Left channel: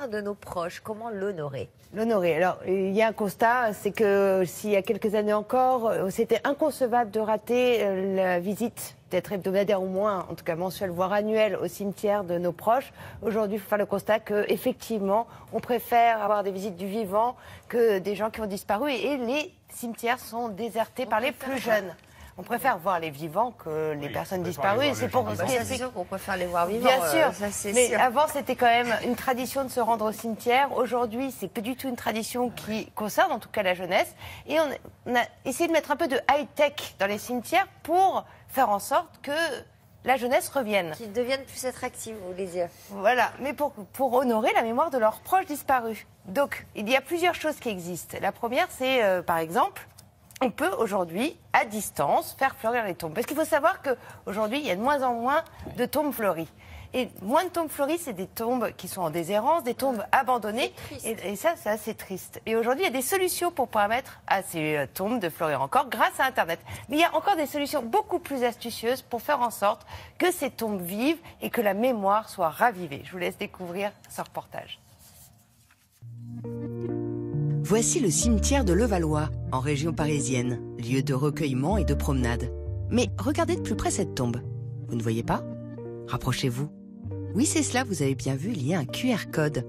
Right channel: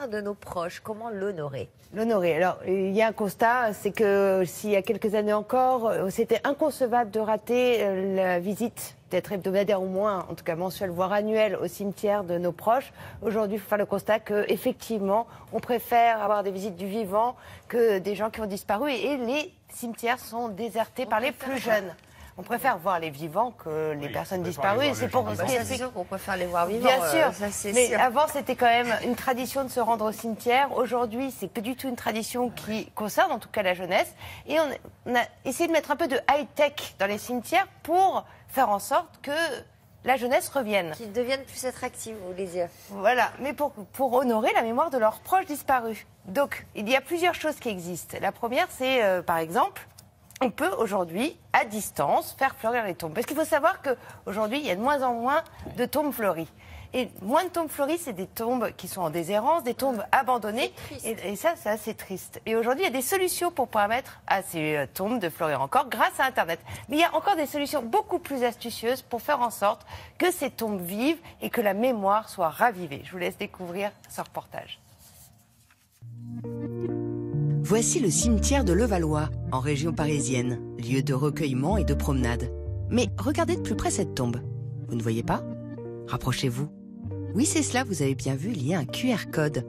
mémoire de nos proches, comment l'honorer? L'honorer. Alors, il y a un constat, c'est que s'il y a quelques années encore, c'était inconcevable de rater la visite, d'être hebdomadaire au moins, en tout cas mensuelle, voire annuelle, au cimetière de nos proches. Aujourd'hui, il faut faire le constat qu'effectivement, on préfère avoir des visites du vivant que des gens qui ont disparu. Et les cimetières sont désertés par les plus jeunes. On préfère voir les vivants que les personnes disparues. Et c'est pour c'est sûr qu'on préfère les voir vivants. Bien sûr, mais sûr. avant c'était quand même une tradition de se rendre au cimetière. Aujourd'hui, c'est plus du tout une tradition qui concerne en tout cas la jeunesse. Et on a essayé de mettre un peu de high-tech dans les cimetières pour faire en sorte que la jeunesse revienne. Qu'ils deviennent plus attractifs, vous voulez dire. Voilà, mais pour honorer la mémoire de leurs proches disparus. Donc, il y a plusieurs choses qui existent. La première, c'est par exemple, on peut aujourd'hui, à distance, faire fleurir les tombes. Parce qu'il faut savoir qu'aujourd'hui, il y a de moins en moins de tombes fleuries. Et moins de tombes fleuries, c'est des tombes qui sont en déshérence, des tombes abandonnées. Et ça, c'est assez triste. Et aujourd'hui, il y a des solutions pour permettre à ces tombes de fleurir encore grâce à Internet. Mais il y a encore des solutions beaucoup plus astucieuses pour faire en sorte que ces tombes vivent et que la mémoire soit ravivée. Je vous laisse découvrir ce reportage. Voici le cimetière de Levallois, en région parisienne, lieu de recueillement et de promenade. Mais regardez de plus près cette tombe. Vous ne voyez pas? Rapprochez-vous. Oui, c'est cela, vous avez bien vu, il y a un QR code.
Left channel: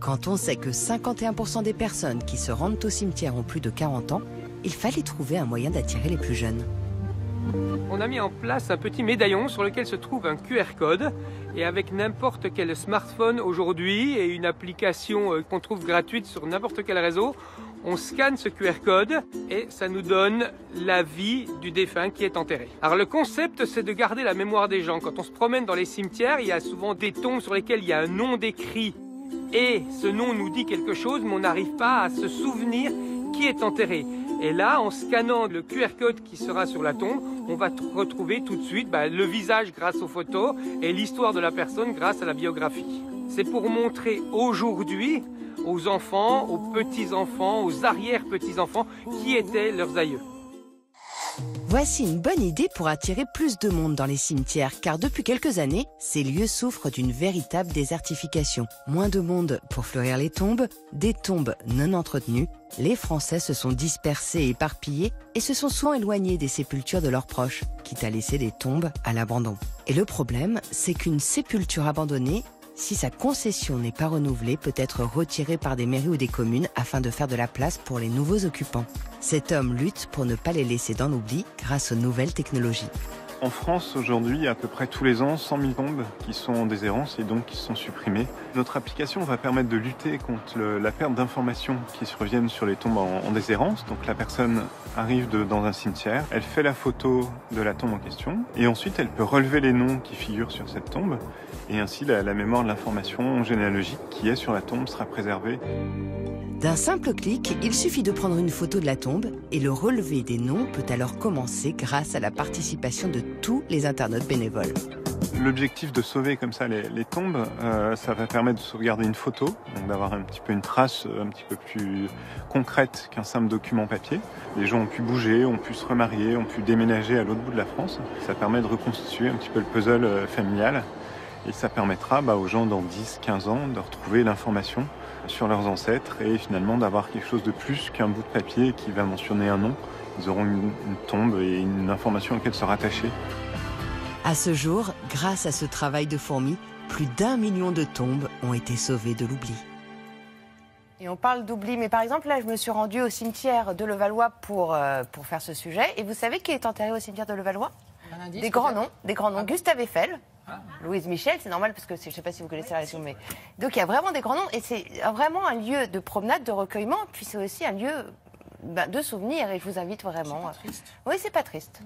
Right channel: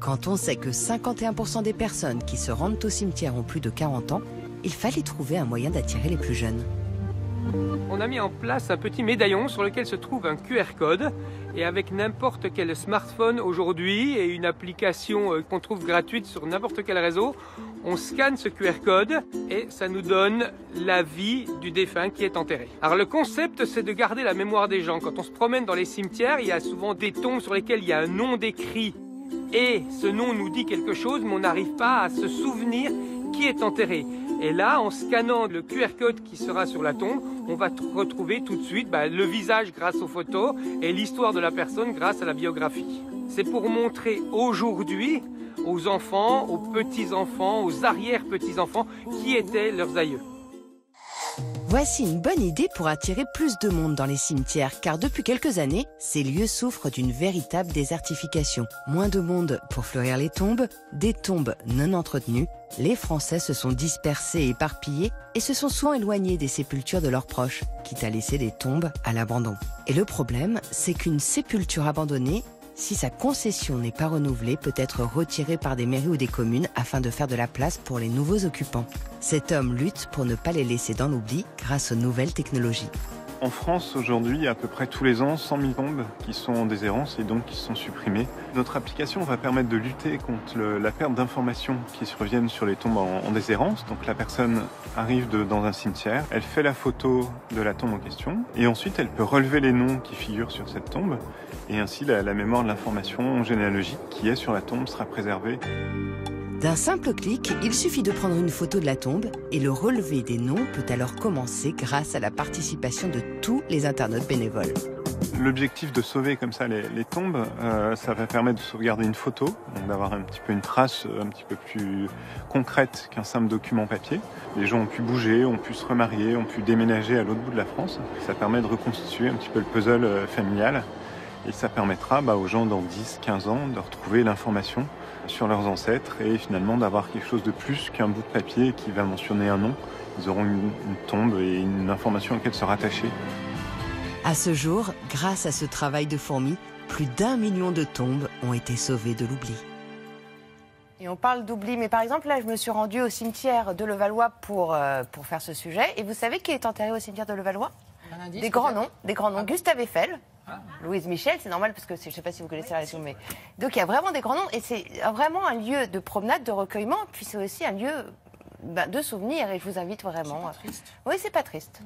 Quand on sait que 51% des personnes qui se rendent au cimetière ont plus de 40 ans, il fallait trouver un moyen d'attirer les plus jeunes. On a mis en place un petit médaillon sur lequel se trouve un QR code et avec n'importe quel smartphone aujourd'hui et une application qu'on trouve gratuite sur n'importe quel réseau, on scanne ce QR code et ça nous donne la vie du défunt qui est enterré. Alors le concept, c'est de garder la mémoire des gens. Quand on se promène dans les cimetières, il y a souvent des tombes sur lesquelles il y a un nom décrit et ce nom nous dit quelque chose, mais on n'arrive pas à se souvenir qui est enterré. Et là, en scannant le QR code qui sera sur la tombe, on va retrouver tout de suite le visage grâce aux photos et l'histoire de la personne grâce à la biographie. C'est pour montrer aujourd'hui aux enfants, aux petits-enfants, aux arrière-petits-enfants qui étaient leurs aïeux. Voici une bonne idée pour attirer plus de monde dans les cimetières, car depuis quelques années, ces lieux souffrent d'une véritable désertification. Moins de monde pour fleurir les tombes, des tombes non entretenues. Les Français se sont dispersés et éparpillés et se sont souvent éloignés des sépultures de leurs proches, quitte à laisser des tombes à l'abandon. Et le problème, c'est qu'une sépulture abandonnée, si sa concession n'est pas renouvelée, peut être retirée par des mairies ou des communes afin de faire de la place pour les nouveaux occupants. Cet homme lutte pour ne pas les laisser dans l'oubli grâce aux nouvelles technologies. En France, aujourd'hui, il y a à peu près tous les ans 100 000 tombes qui sont en déshérence et donc qui sont supprimées. Notre application va permettre de lutter contre la perte d'informations qui surviennent sur les tombes en déshérence. Donc la personne arrive dans un cimetière, elle fait la photo de la tombe en question et ensuite elle peut relever les noms qui figurent sur cette tombe et ainsi la mémoire de l'information généalogique qui est sur la tombe sera préservée. D'un simple clic, il suffit de prendre une photo de la tombe et le relevé des noms peut alors commencer grâce à la participation de tous les internautes bénévoles. L'objectif de sauver comme ça les tombes, ça va permettre de sauvegarder une photo, donc d'avoir un petit peu une trace un petit peu plus concrète qu'un simple document papier. Les gens ont pu bouger, ont pu se remarier, ont pu déménager à l'autre bout de la France. Ça permet de reconstituer un petit peu le puzzle familial et ça permettra aux gens dans 10-15 ans de retrouver l'information sur leurs ancêtres et finalement d'avoir quelque chose de plus qu'un bout de papier qui va mentionner un nom. Ils auront une tombe et une information à laquelle se rattacher. À ce jour, grâce à ce travail de fourmi, plus d'1 million de tombes ont été sauvées de l'oubli. Et on parle d'oubli, mais par exemple, là, je me suis rendue au cimetière de Levallois pour faire ce sujet. Et vous savez qui est enterré au cimetière de Levallois? Des grands noms. Gustave Eiffel, Louise Michel, c'est normal parce que je ne sais pas si vous connaissez la région, mais donc il y a vraiment des grands noms et c'est vraiment un lieu de promenade, de recueillement, puis c'est aussi un lieu de souvenir et je vous invite vraiment. C'est pas triste. Oui, c'est pas triste.